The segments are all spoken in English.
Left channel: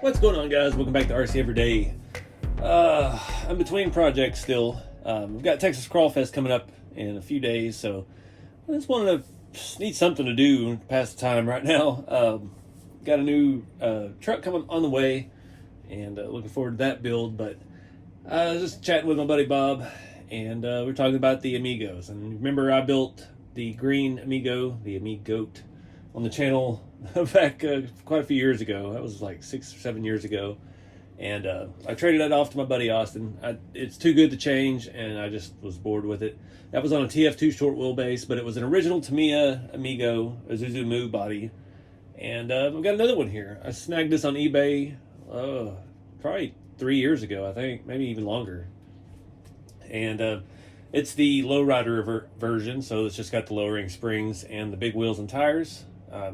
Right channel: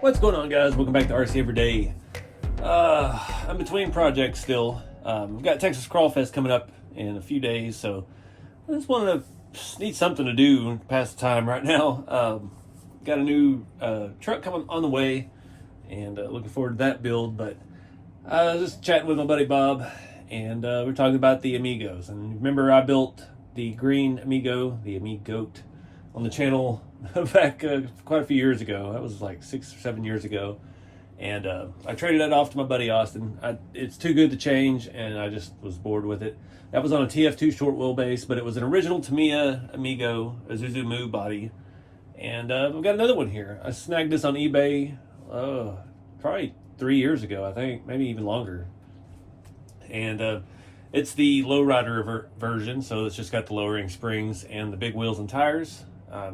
What's going on, guys? Welcome back to RC Everyday. I'm between projects still. We've got Texas Crawl Fest coming up in a few days, so I just wanted to need something to do to pass the time right now. Got a new truck coming on the way, and looking forward to that build. But just chatting with my buddy Bob, and we're talking about the Amigos. And remember, I built the green Amigo, the Amigote, on the channel back quite a few years ago. That was like 6 or 7 years ago, and I traded that off to my buddy Austin. It's too good to change, and I just was bored with it. That was on a TF2 short wheelbase, but it was an original Tamiya Amigo Isuzu Moo body, and we've got another one here. I snagged this on eBay probably 3 years ago, I think, maybe even longer. And it's the lowrider version, so it's just got the lowering springs and the big wheels and tires.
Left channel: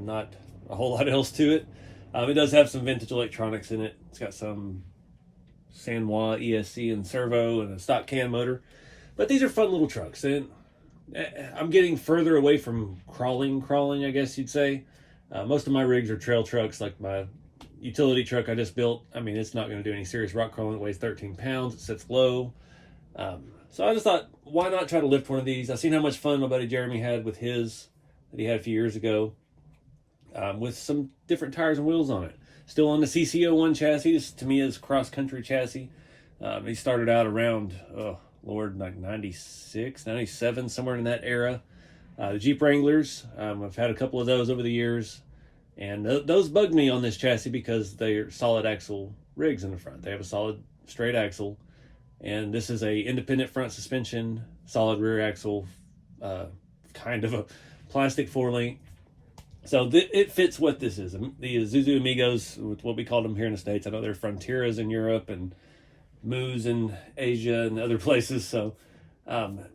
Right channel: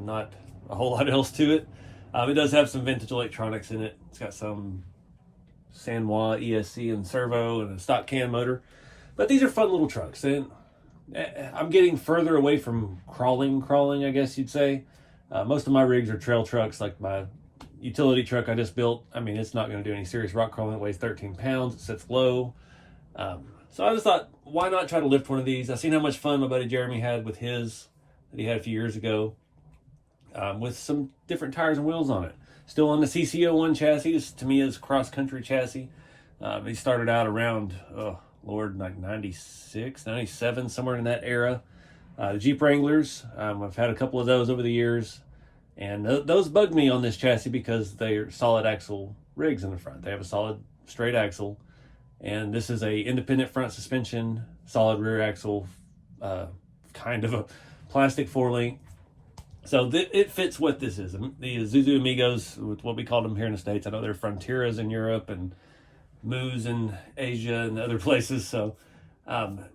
Not a whole lot else to it. It does have some vintage electronics in it. It's got some Sanwa ESC and servo and a stock can motor. But these are fun little trucks, and I'm getting further away from crawling, I guess you'd say. Most of my rigs are trail trucks, like my utility truck I just built. I mean, it's not going to do any serious rock crawling. It weighs 13 pounds. It sits low. So I just thought, why not try to lift one of these? I've seen how much fun my buddy Jeremy had with his that he had a few years ago. With some different tires and wheels on it. Still on the CC01 chassis. This is Tamiya's cross-country chassis. He started out around, oh Lord, like 96, 97, somewhere in that era. Jeep Wranglers, I've had a couple of those over the years. And those bugged me on this chassis because they're solid axle rigs in the front. They have a solid straight axle. And this is a independent front suspension, solid rear axle, kind of a plastic 4-link. So it fits what this is. The Isuzu Amigos, with what we call them here in the States. I know they're Frontiers in Europe and Moos in Asia and other places. So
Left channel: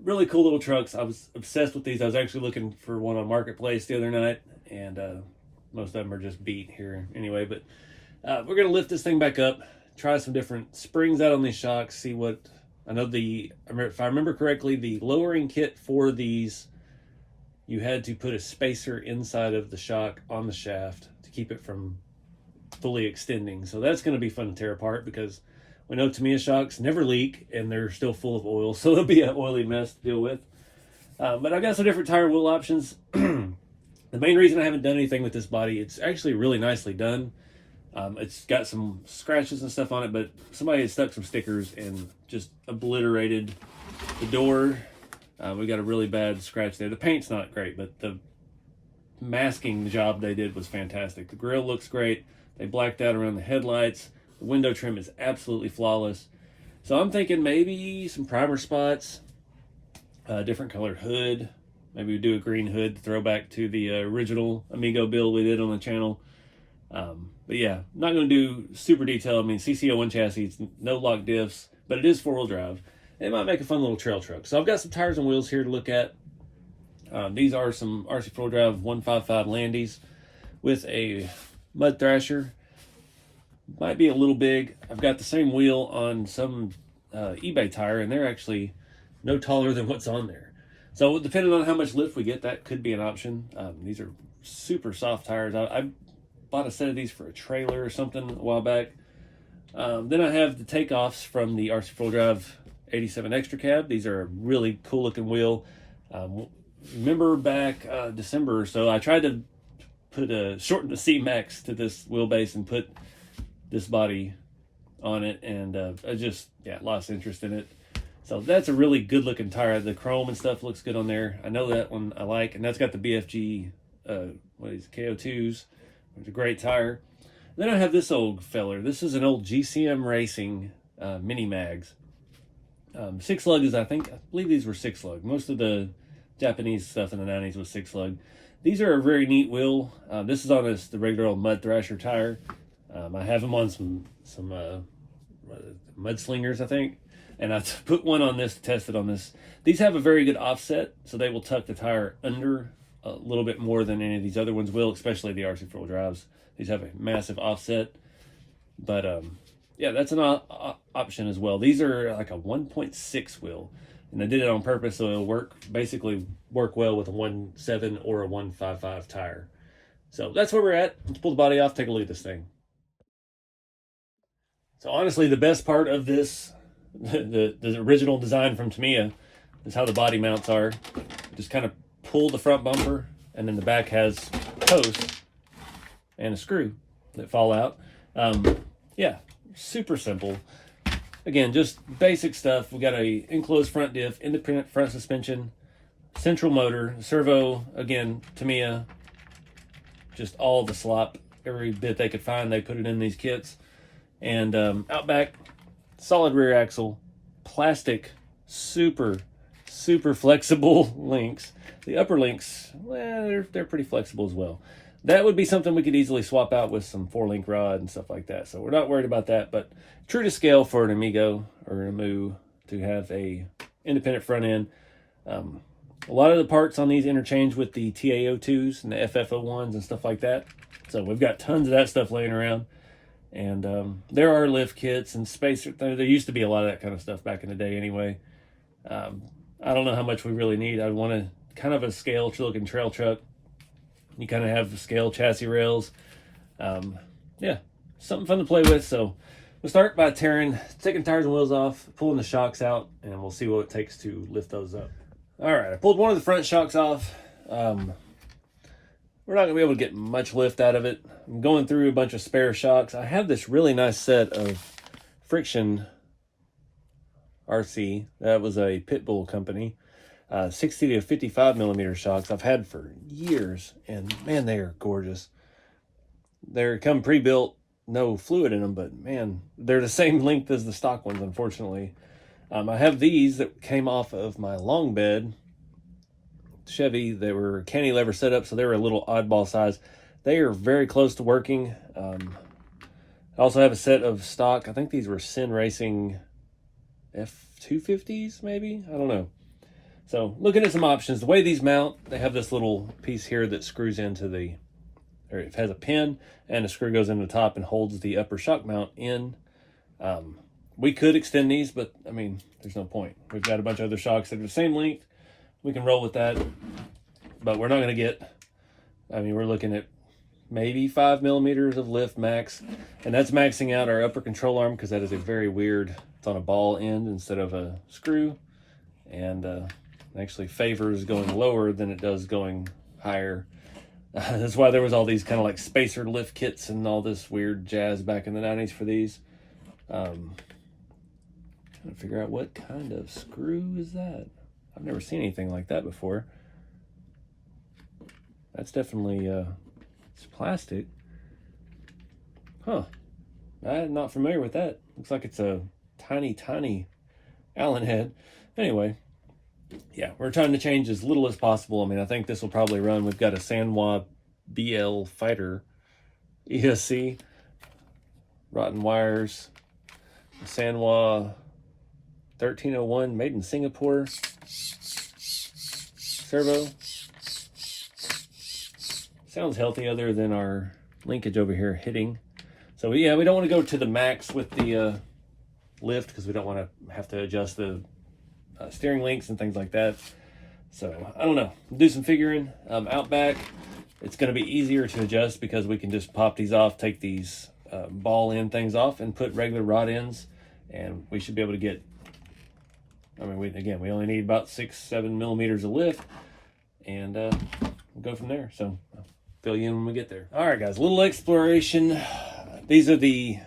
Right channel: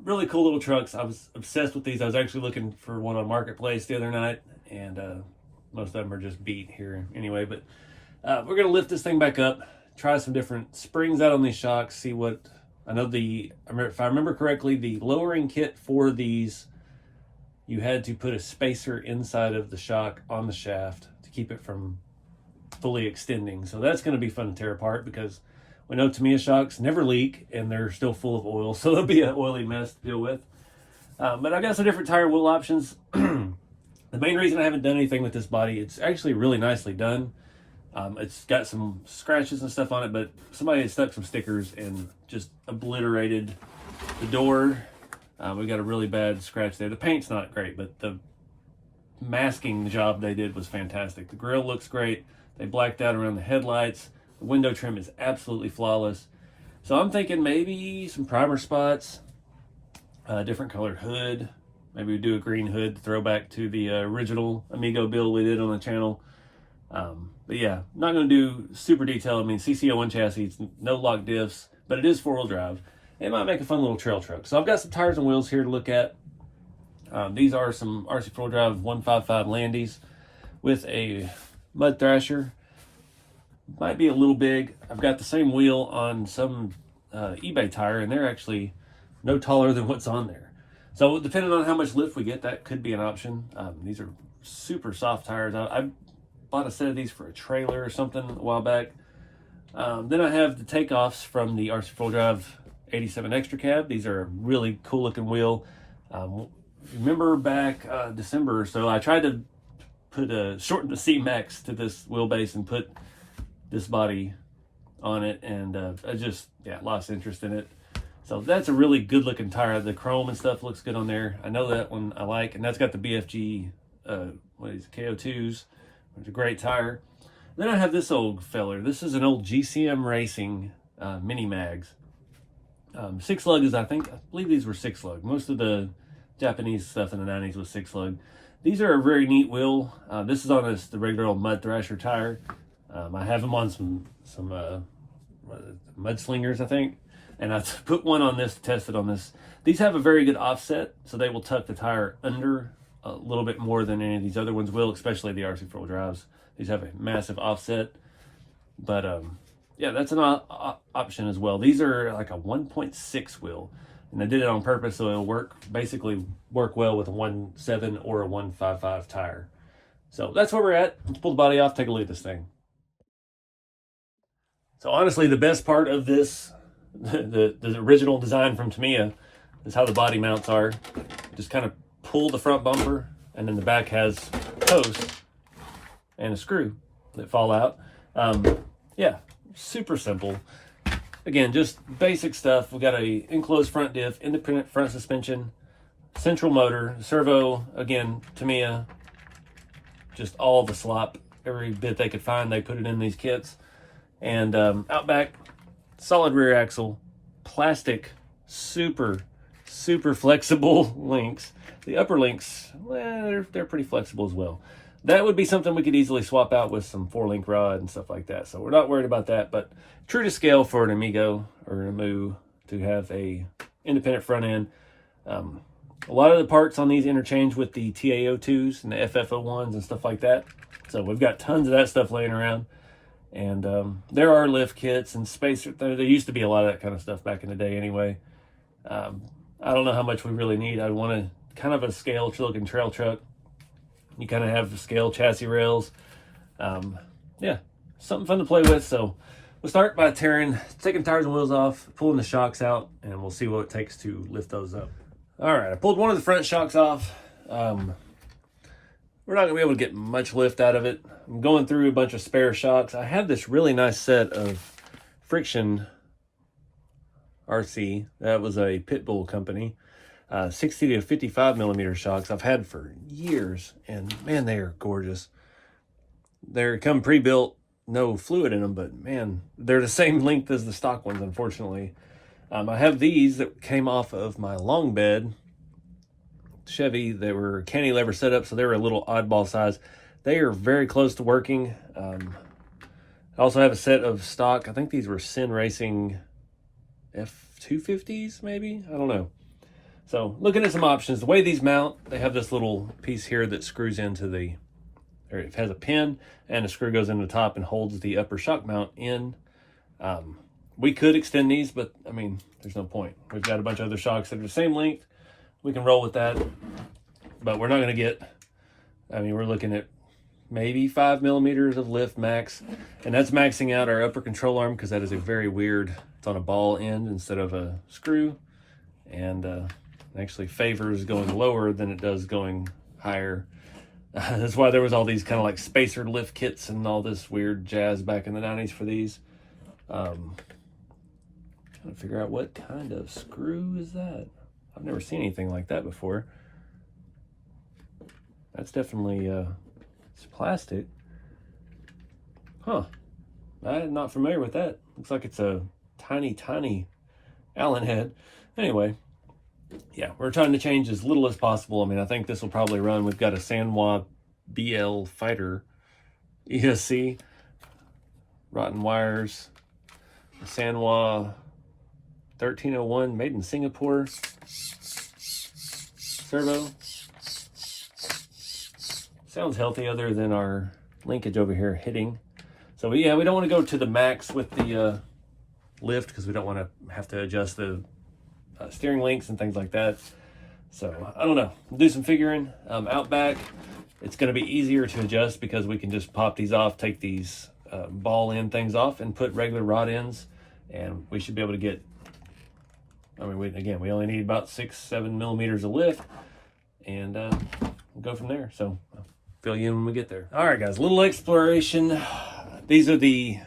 really cool little trucks. I was obsessed with these. I was actually looking for one on Marketplace the other night, and most of them are just beat here anyway. But we're going to lift this thing back up, try some different springs out on these shocks, see what... I know if I remember correctly, the lowering kit for these, you had to put a spacer inside of the shock on the shaft to keep it from fully extending. So that's going to be fun to tear apart, because we know Tamiya shocks never leak and they're still full of oil. So it'll be an oily mess to deal with. But I got some different tire and wheel options. The main reason I haven't done anything with this body, it's actually really nicely done. It's got some scratches and stuff on it, but somebody had stuck some stickers and just obliterated the door. We got a really bad scratch there. The paint's not great, but the masking job they did was fantastic. The grill looks great. They blacked out around the headlights. The window trim is absolutely flawless. So I'm thinking maybe some primer spots, different colored hood. Maybe we do a green hood to throw back to the original Amigo build we did on the channel. But yeah, not going to do super detailed. I mean, CC01 chassis, no lock diffs, but it is 4-wheel drive. It might make a fun little trail truck. So I've got some tires and wheels here to look at. These are some RC 4 Drive 155 Landies with a mud thrasher. Might be a little big. I've got the same wheel on some eBay tire, and they're actually no taller than what's on there. So depending on how much lift we get, that could be an option. These are super soft tires. I bought a set of these for a trailer or something a while back. Then I have the takeoffs from the RC 4 Drive 87 Extra Cab. These are a really cool looking wheel. Remember back December or so, I tried to shorten the C-Max to this wheelbase and put this body on it, and I just lost interest in it. So that's a really good looking tire. The chrome and stuff looks good on there. I know that one I like, and that's got the BFG KO2s, which is a great tire. Then I have this old feller. This is an old GCM Racing mini mags. 6-lug is, I believe these were 6-lug. Most of the Japanese stuff in the 90s was 6-lug. These are a very neat wheel. This is on the regular old mud thrasher tire. I have them on some mudslingers, I think. And I put one on this to test it on this. These have a very good offset, so they will tuck the tire under a little bit more than any of these other ones will, especially the RC 4 drives. These have a massive offset. But yeah, that's an option as well. These are like a 1.6 wheel, and I did it on purpose so it'll basically work well with a 1.7 or a 1.55 tire. So that's where we're at. Let's pull the body off, take a look at this thing. So honestly, the best part of this, the original design from Tamiya, is how the body mounts are. Just kind of pull the front bumper, and then the back has posts and a screw that fall out. Yeah, super simple. Again, just basic stuff. We got a enclosed front diff, independent front suspension, central motor, servo, again, Tamiya, just all the slop, every bit they could find, they put it in these kits. And out back, solid rear axle, plastic, super flexible links. The upper links, well, they're pretty flexible as well. That would be something we could easily swap out with some 4-link rod and stuff like that. So we're not worried about that, but true to scale for an Amigo or an Amu to have a independent front end. A lot of the parts on these interchange with the TA02s and the FF01s and stuff like that. So we've got tons of that stuff laying around. And there are lift kits and spacer. There used to be a lot of that kind of stuff back in the day anyway. I don't know how much we really need. I want kind of a scale looking trail truck. You kind of have scale chassis rails. Yeah, something fun to play with. So we'll start by taking tires and wheels off, pulling the shocks out, and we'll see what it takes to lift those up. All right, I pulled one of the front shocks off. We're not gonna be able to get much lift out of it. I'm going through a bunch of spare shocks. I have this really nice set of Friction RC. That was a Pitbull company. 60 to 55 millimeter shocks I've had for years, and man, they are gorgeous. They're come pre-built, no fluid in them, but man, they're the same length as the stock ones, unfortunately. I have these that came off of my long bed Chevy. They were cantilever setup, so they were a little oddball size. They are very close to working. I also have a set of stock, I think these were Sin Racing F250s, maybe? I don't know. So looking at some options, the way these mount, they have this little piece here that screws into or it has a pin, and a screw goes into the top and holds the upper shock mount in. We could extend these, but I mean, there's no point. We've got a bunch of other shocks that are the same length. We can roll with that, but we're not gonna get, I mean, we're looking at maybe 5 millimeters of lift max, and that's maxing out our upper control arm because that is a very weird, it's on a ball end instead of a screw, and actually favors going lower than it does going higher. That's why there was all these kind of like spacer lift kits and all this weird jazz back in the 90s for these. Trying to figure out what kind of screw is that. I've never seen anything like that before. That's definitely it's plastic. Huh. I'm not familiar with that. Looks like it's a tiny Allen head. Anyway, yeah, we're trying to change as little as possible. I mean, I think this will probably run. We've got a Sanwa BL Fighter ESC, rotten wires, Sanwa 1301 made in Singapore servo. Sounds healthy other than our linkage over here hitting. So yeah, we don't want to go to the max with the lift because we don't want to have to adjust the steering links and things like that. So I don't know, do some figuring. Out back, it's going to be easier to adjust because we can just pop these off, take these ball end things off, and put regular rod ends, and we should be able to get, I mean, we only need about 6-7 millimeters of lift, and we'll go from there. So I'll fill you in when we get there. All right, guys, a little exploration. These are the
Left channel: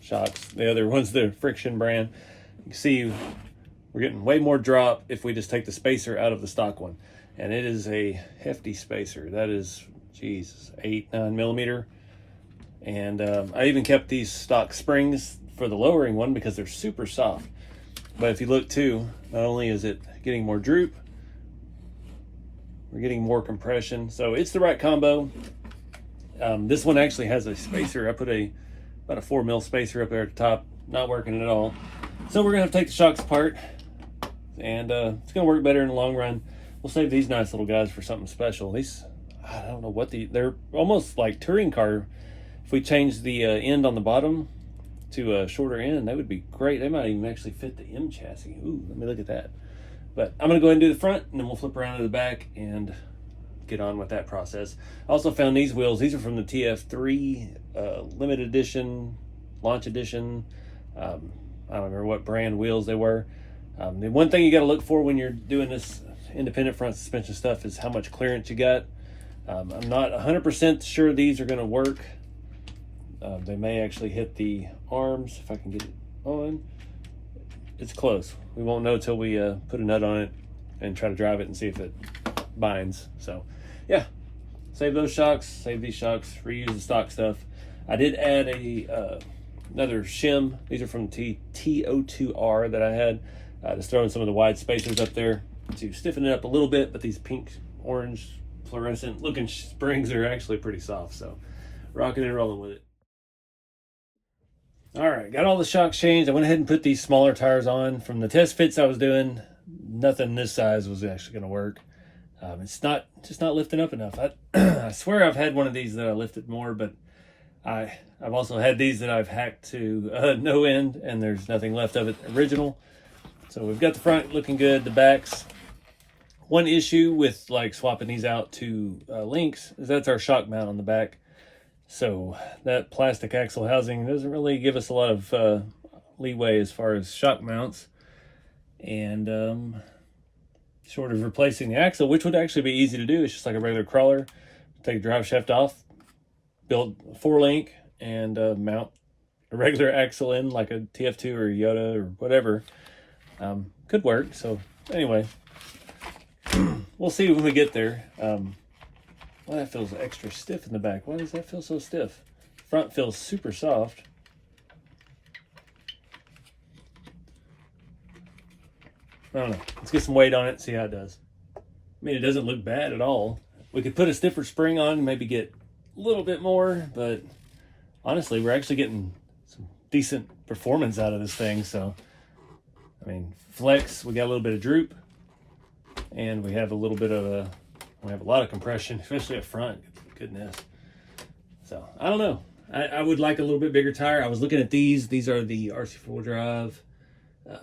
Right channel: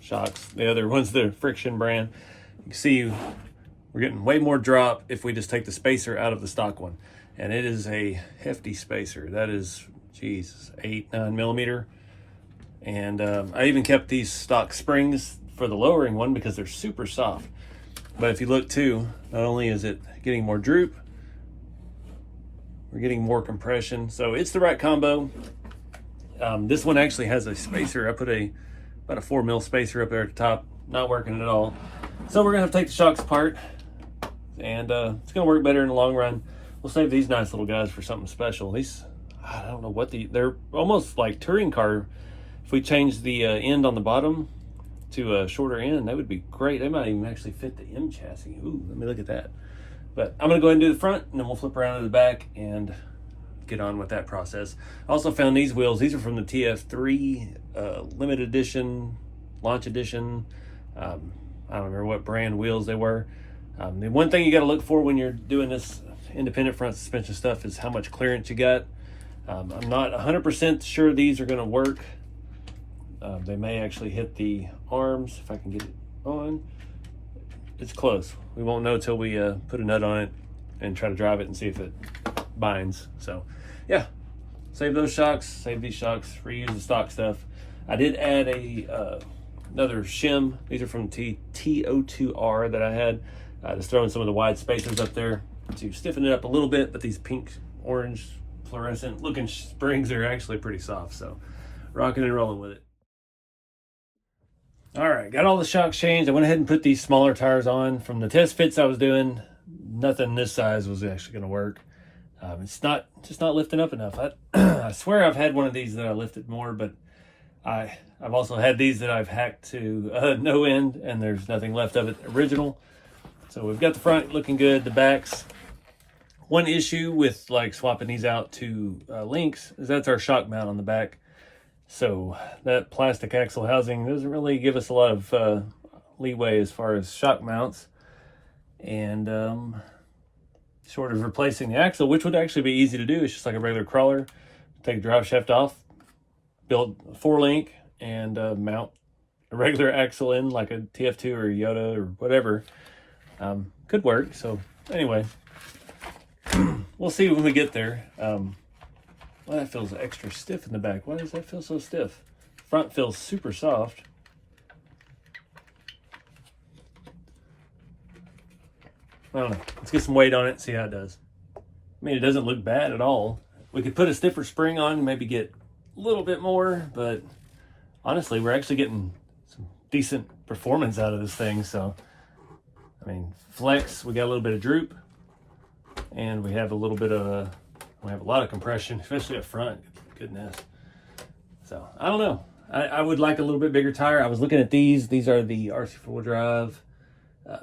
shocks. The other one's the Friction brand. You can see we're getting way more drop if we just take the spacer out of the stock one. And it is a hefty spacer. That is, geez, 8-9 millimeter. And I even kept these stock springs for the lowering one because they're super soft. But if you look too, not only is it getting more droop, we're getting more compression. So it's the right combo. This one actually has a spacer. I put about a 4 mil spacer up there at the top. Not working at all. So we're gonna have to take the shocks apart, and it's gonna work better in the long run. We'll save these nice little guys for something special. These, I don't know what they're almost like touring car. If we change the end on the bottom to a shorter end, that would be great. They might even actually fit the M chassis. Ooh, let me look at that. But I'm gonna go ahead and do the front, and then we'll flip around to the back and get on with that process. I also found these wheels. These are from the TF3 limited edition launch edition. I don't remember what brand wheels they were. The one thing you got to look for when you're doing this independent front suspension stuff is how much clearance you got. I'm not 100% sure these are going to work. They may actually hit the arms if I can get it on. It's close. We won't know till we put a nut on it and try to drive it and see if it binds. So yeah, save those shocks, save these shocks, reuse the stock stuff. I did add another shim. These are from TO2R that I had. Just throwing some of the wide spacers up there to stiffen it up a little bit, but these pink, orange, fluorescent looking springs are actually pretty soft. So rocking and rolling with it. All right, got all the shocks changed. I went ahead and put these smaller tires on. From the test fits I was doing, nothing this size was actually going to work. It's just not lifting up enough. I swear I've had one of these that I lifted more, but I've also had these that I've hacked to no end, and there's nothing left of it original. So we've got the front looking good, the backs. One issue with like swapping these out to links is that's our shock mount on the back. So that plastic axle housing doesn't really give us a lot of leeway as far as shock mounts. And short of replacing the axle, which would actually be easy to do, it's just like a regular crawler. Take the drive shaft off, build a 4-link, and mount a regular axle in like a TF2 or Yoda or whatever. Could work. So anyway, we'll see when we get there. Well, that feels extra stiff in the back. Why does that feel so stiff? Front feels super soft. I don't know. Let's get some weight on it and see how it does. I mean, it doesn't look bad at all. We could put a stiffer spring on and maybe get a little bit more, but honestly, we're actually getting some decent performance out of this thing. So, I mean, flex, we got a little bit of droop, and we have a little bit of we have a lot of compression, especially up front. Goodness. So I don't know. I would like a little bit bigger tire. I was looking at these. These are the RC 4-drive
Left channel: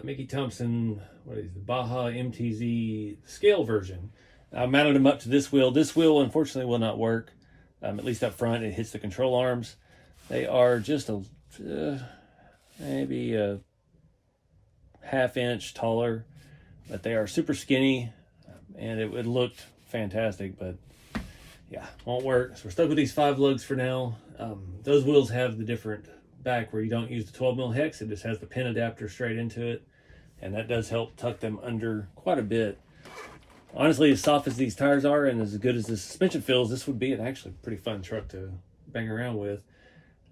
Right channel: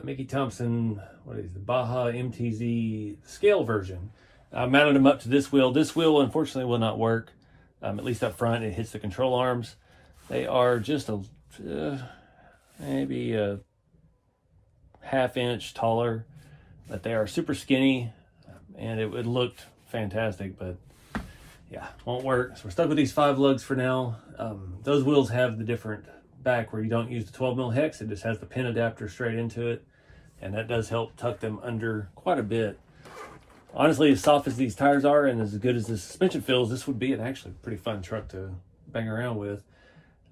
Mickey Thompson, what is it, the Baja MTZ scale version. I mounted them up to this wheel. This wheel, unfortunately, will not work. At least up front, it hits the control arms. They are just maybe a ½ inch taller, but they are super skinny, and it would look fantastic, but yeah, won't work. So we're stuck with these 5 lugs for now. Those wheels have the different back where you don't use the 12mm hex. It just has the pin adapter straight into it, and that does help tuck them under quite a bit. Honestly, as soft as these tires are and as good as the suspension feels, this would be an actually pretty fun truck to bang around with.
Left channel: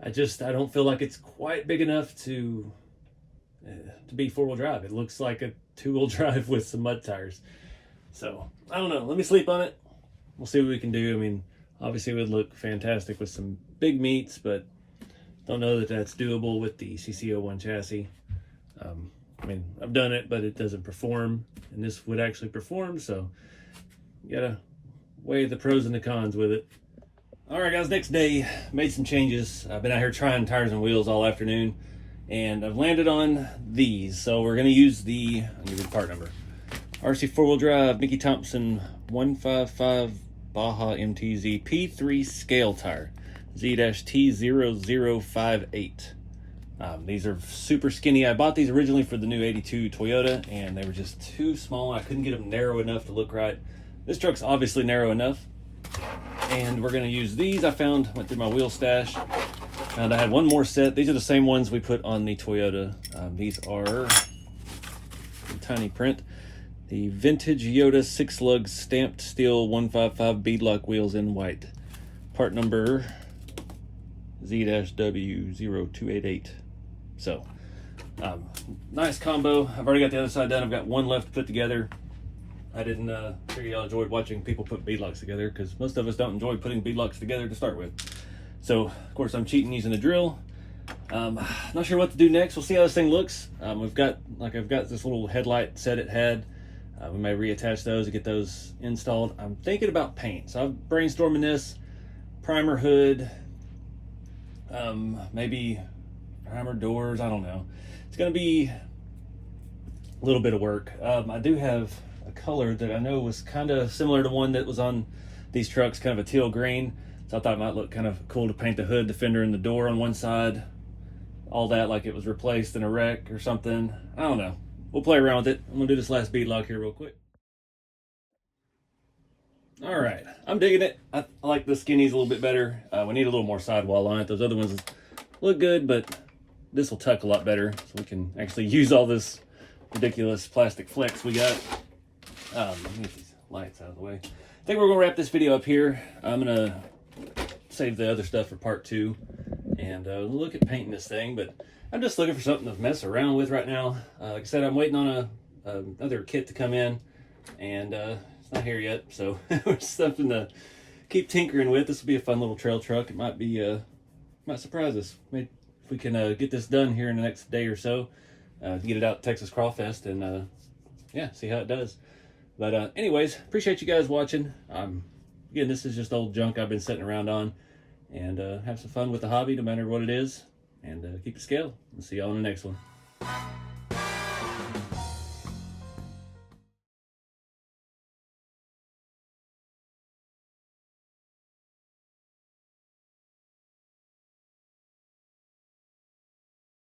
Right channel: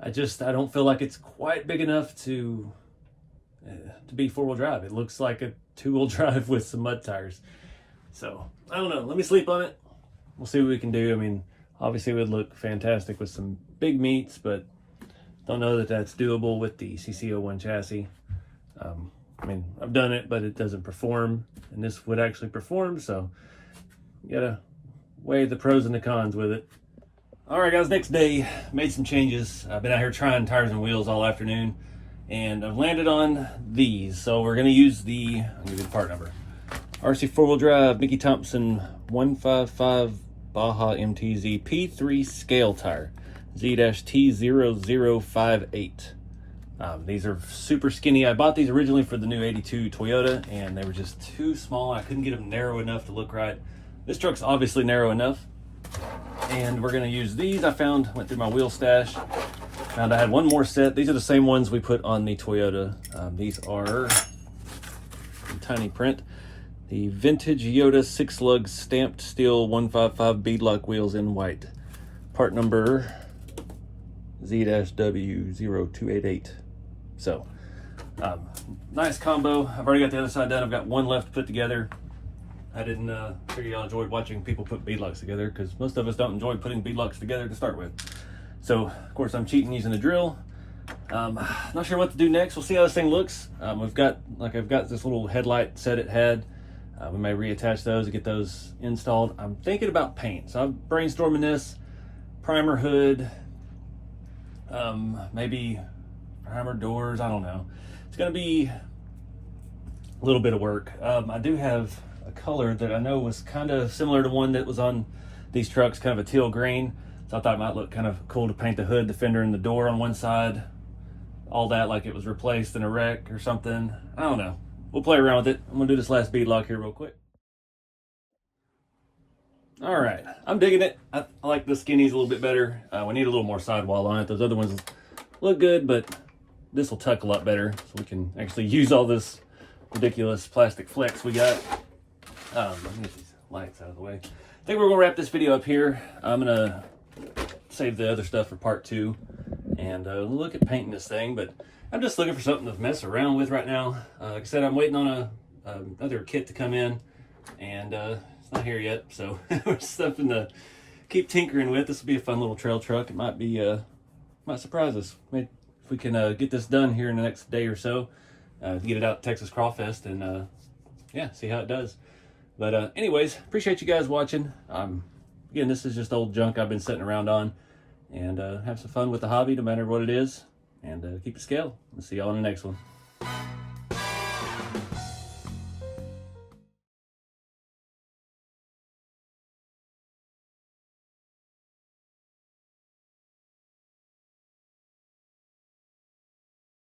I don't feel like it's quite big enough to be 4-wheel drive. It looks like a 2-wheel drive with some mud tires. So I don't know. Let me sleep on it. We'll see what we can do. I mean, obviously it would look fantastic with some big meats, but don't know that that's doable with the CC01 chassis. I mean, I've done it, but it doesn't perform, and this would actually perform, so you gotta weigh the pros and the cons with it. All right, guys, next day, made some changes. I've been out here trying tires and wheels all afternoon, and I've landed on these. So we're gonna use the, I'll give you the part number, RC 4-wheel drive Mickey Thompson 155 Baja MTZ P3 scale tire, Z-T0058. These are super skinny. I bought these originally for the new 82 Toyota, and they were just too small. I couldn't get them narrow enough to look right. This truck's obviously narrow enough, and we're gonna use these. Went through my wheel stash, found I had one more set. These are the same ones we put on the Toyota. These are in tiny print. The vintage Yoda 6-lug stamped steel 155 beadlock wheels in white. Part number Z-W0288. So, nice combo. I've already got the other side done. I've got one left to put together. I didn't figure y'all enjoyed watching people put beadlocks together, because most of us don't enjoy putting beadlocks together to start with. So, of course, I'm cheating using a drill. Not sure what to do next. We'll see how this thing looks. I've got this little headlight set it had. We may reattach those to get those installed. I'm thinking about paint, so I'm brainstorming this. Primer hood, maybe primer doors, I don't know. It's gonna be a little bit of work. I do have a color that I know was kind of similar to one that was on these trucks, kind of a teal green. So I thought it might look kind of cool to paint the hood, the fender, and the door on one side all that like it was replaced in a wreck or something. I don't know. We'll play around with it. I'm gonna do this last bead lock here real quick. All right, I'm digging it. I like the skinnies a little bit better. We need a little more sidewall on it. Those other ones look good, but this will tuck a lot better, so we can actually use all this ridiculous plastic flex we got. Let me get these lights out of the way. I think we're gonna wrap this video up here. I'm gonna save the other stuff for part 2 and look at painting this thing, but I'm just looking for something to mess around with right now. Like I said, I'm waiting on another kit to come in, and it's not here yet, so there's something to keep tinkering with. This will be a fun little trail truck. It might be might surprise us. Maybe if we can get this done here in the next day or so, get it out to Texas Crawfest and yeah, see how it does. But anyways, appreciate you guys watching. Again, this is just old junk I've been sitting around on, and have some fun with the hobby no matter what it is, and keep the scale. We'll see y'all in the next one.